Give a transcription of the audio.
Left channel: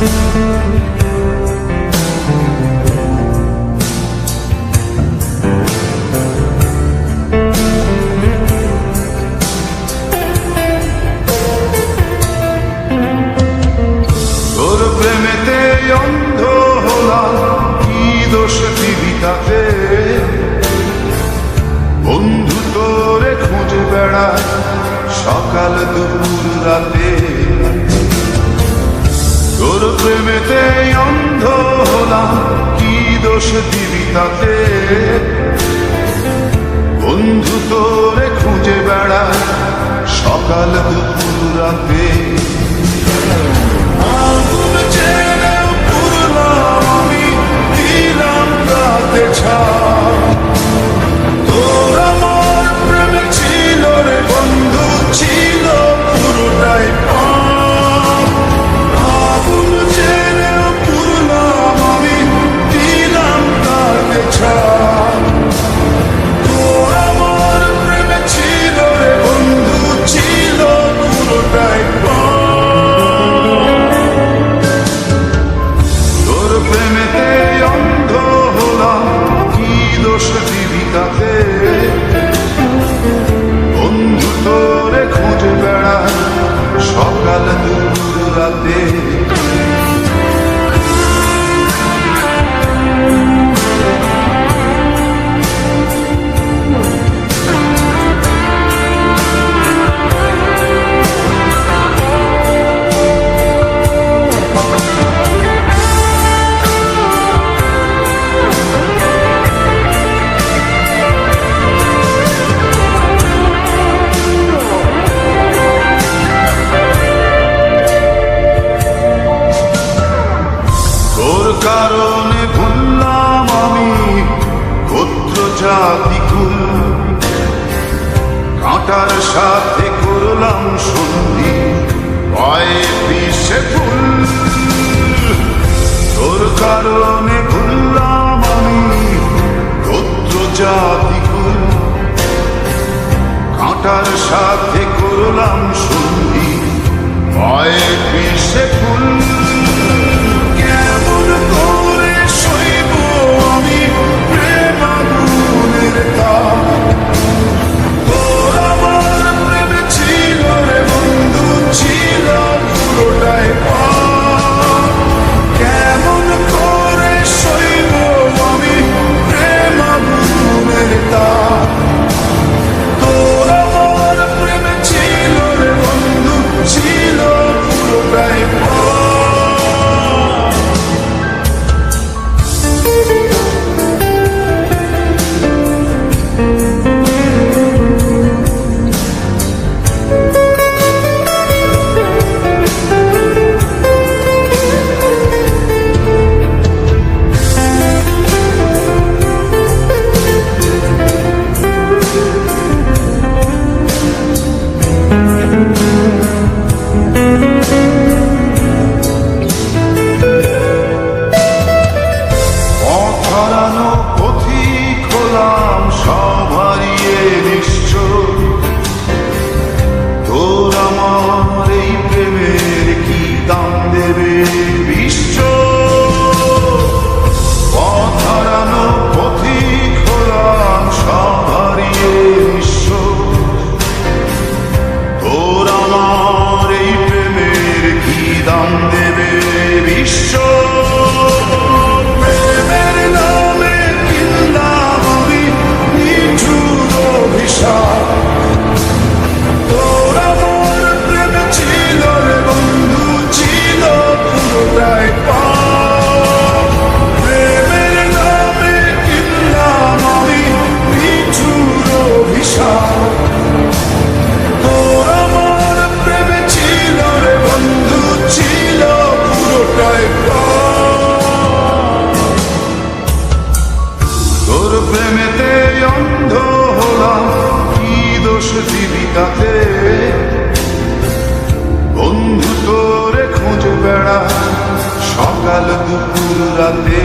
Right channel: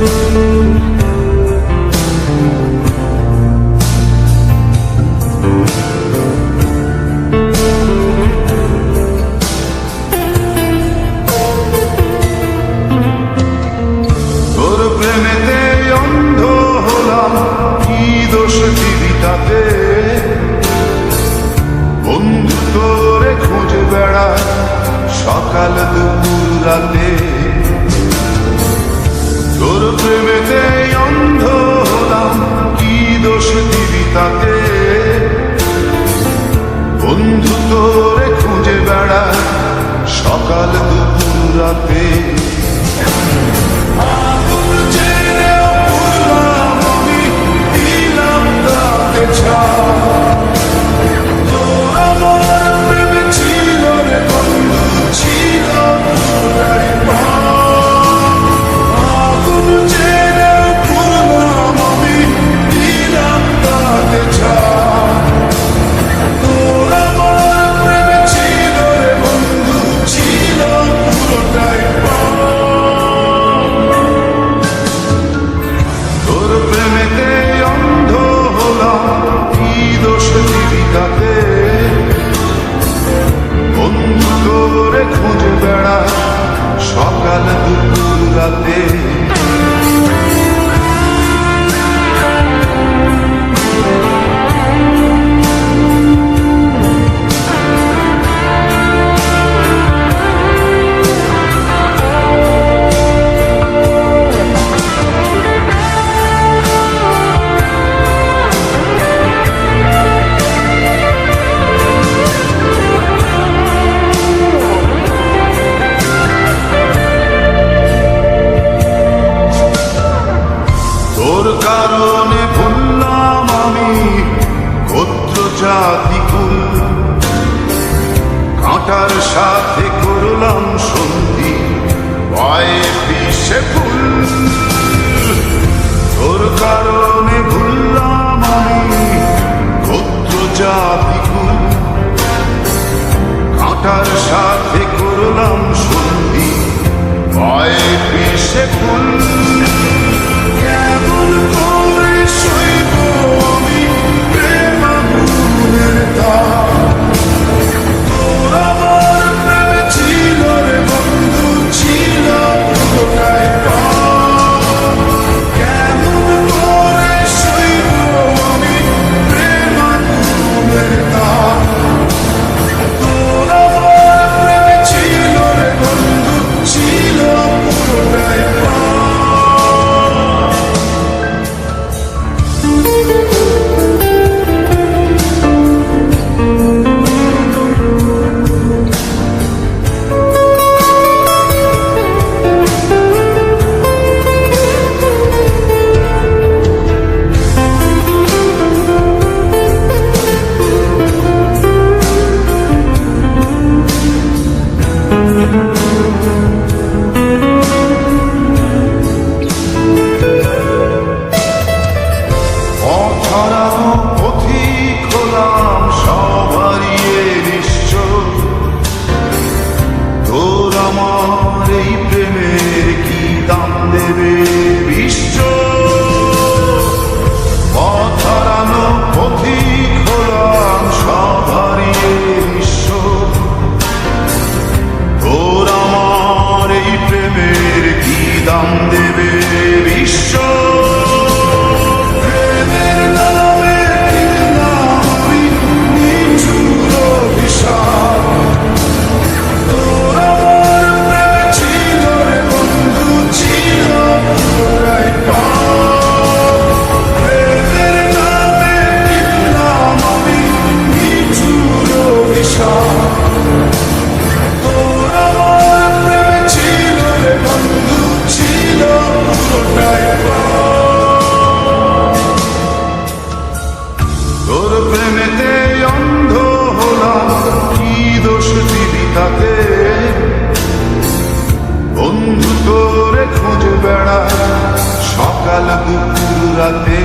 তোর প্রেমেতে অন্ধ হলাম, কি দোষ দিবি তাতে? বন্ধু তোরে খুঁজে বেড়ায় সকাল দুপুর রাতে। তোর প্রেমেতে অন্ধ হলাম, কি দোষ দিবি তাতে? বন্ধু তোরে খুঁজে বেড়ায় সকাল দুপুর রাতে। আগুন ছেড়েও পুরলাম আমি, দিলাম তাতে ছাড়। তোর আমার প্রেম ছিল রে বন্ধু, ছিল পুরোটাই পার। আগুন ছেড়েও পুরলাম আমি, দিলাম তাতে ছাড়। তোর আমার প্রেম ছিল রে বন্ধু, ছিল পুরোটাই পার। তোর প্রেমেতে অন্ধ হলাম, কি দোষ দিবি তাতে? বন্ধু তোরে খুঁজে বেড়ায় সকাল দুপুর রাতে। তোর কারণে ভুললাম আমি গোত্র জাতি কুল, কাঁটার সাথে করলাম সন্ধি, পায়ে পিষে ফুল। তোর কারণে ভুললাম আমি গোত্র জাতি কুল, কাঁটার সাথে করলাম সন্ধি, পায়ে পিষে ফুল। কেমন করে সইব আমি প্রেম আগুনের তাপ? তোর আমার প্রেম ছিল রে বন্ধু, ছিল পুরোটাই পাপ। কেমন করে সইব আমি প্রেম আগুনের তাপ? তোর আমার প্রেম ছিল রে বন্ধু, ছিল পুরোটাই পাপ। হারানো পথিক হলাম সব হারিয়ে নিশ্চয়। তোর আমার এই প্রেমের কি দাম দেবে বিশ্ব? পথ হারানো পথিক হলাম সব হারিয়ে নিঃস্ব। তোর আমার এই প্রেমের কি দাম দেবে বিশ্ব? তোর প্রেমেতে অন্ধ হলাম, কি দোষ দিবি তাতে? বন্ধু তোরে খুঁজে বেড়ায় সকাল দুপুর রাতে।